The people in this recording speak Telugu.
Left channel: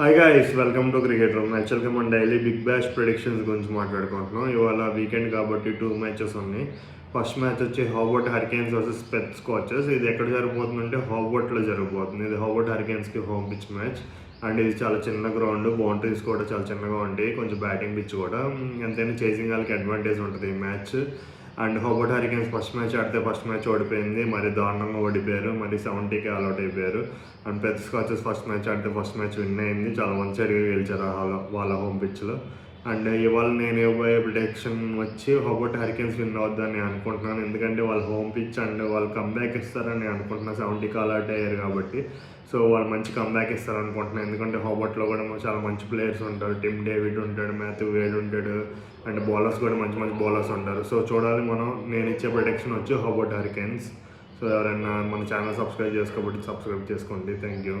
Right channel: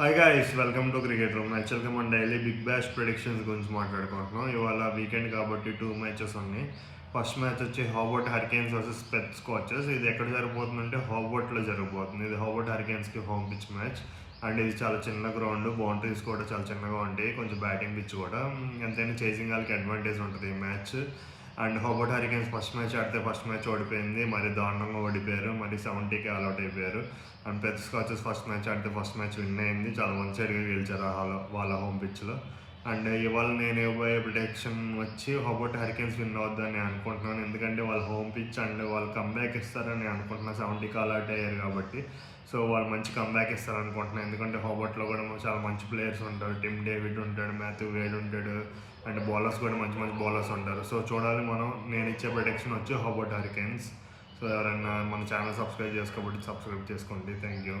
Hi guys, welcome to cricket room. యాక్చువల్గా మనం డైలీ బిగ్ బ్యాష్ ప్రిడిక్షన్స్ గురించి మాట్లాడుకుంటున్నాం. ఇవాళ వీకెండ్ కాబట్టి 2 మ్యాచెస్ ఉన్నాయి. ఫస్ట్ మ్యాచ్ వచ్చి Hobart Hurricanes versus Perth Scorchers. ఇది ఎక్కడ జరగబోతుందంటే హోబర్ట్లో జరగబోతుంది. ఇది హోబర్ట్ హరికేన్స్కి హోమ్ పిచ్ మ్యాచ్. అండ్ ఇది చాలా చిన్న గ్రౌండ్, బౌండరీస్ కూడా చాలా చిన్నగా ఉంటాయి, కొంచెం బ్యాటింగ్ పిచ్ కూడా. ఎంతైనా చేసింగ్ వాళ్ళకి అడ్వాంటేజ్ ఉంటుంది ఈ match. And Hobart Hurricanes first match ఆడితే ఫస్ట్ మ్యాచ్ ఓడిపోయింది, మరి దారుణంగా ఓడిపోయారు, మరి 70కి ఆల్అౌట్ అయిపోయారు. And Perth scotches first match ఆడితే ఫస్ట్ మ్యాచ్ విన్ అయింది, చాలా వన్ సైడ్గా గెలిచారు వాళ్ళ హోమ్ పిచ్లో. అండ్ ఇవాళ నేను ఇవ్వబోయే ప్రిడిక్షన్ వచ్చి హోబర్ట్ హరికేన్స్ విన్ అవుద్దని అనుకుంటున్నాను, ఎందుకంటే వాళ్ళ హోమ్ పిచ్ అండ్ వాళ్ళు కంబ్యాక్ ఇస్తారని అనుకుంటున్నాను. 70కి ఆల్అౌట్ అయ్యారు కాబట్టి సో వాళ్ళు మంచి కంబ్యాక్ ఇస్తారనుకుంటున్నాను. ఎందుకంటే హోబర్ట్లో కూడా చాలా మంచి ప్లేయర్స్ ఉంటారు. టిమ్ డేవిడ్ ఉంటాడు, మాథ్యూ వేడ్ ఉంటాడు, అండ్ బౌలర్స్ కూడా మంచి మంచి బౌలర్స్ ఉంటారు. సో చూడాలి మనం. నేను ఇచ్చే ప్రిడిక్షన్ వచ్చి హోబర్ట్ హరికేన్స్. సో ఎవరైనా మన ఛానల్ సబ్స్క్రైబ్ చేసుకోబట్టి సబ్స్క్రైబ్ చేసుకోండి. Thank you.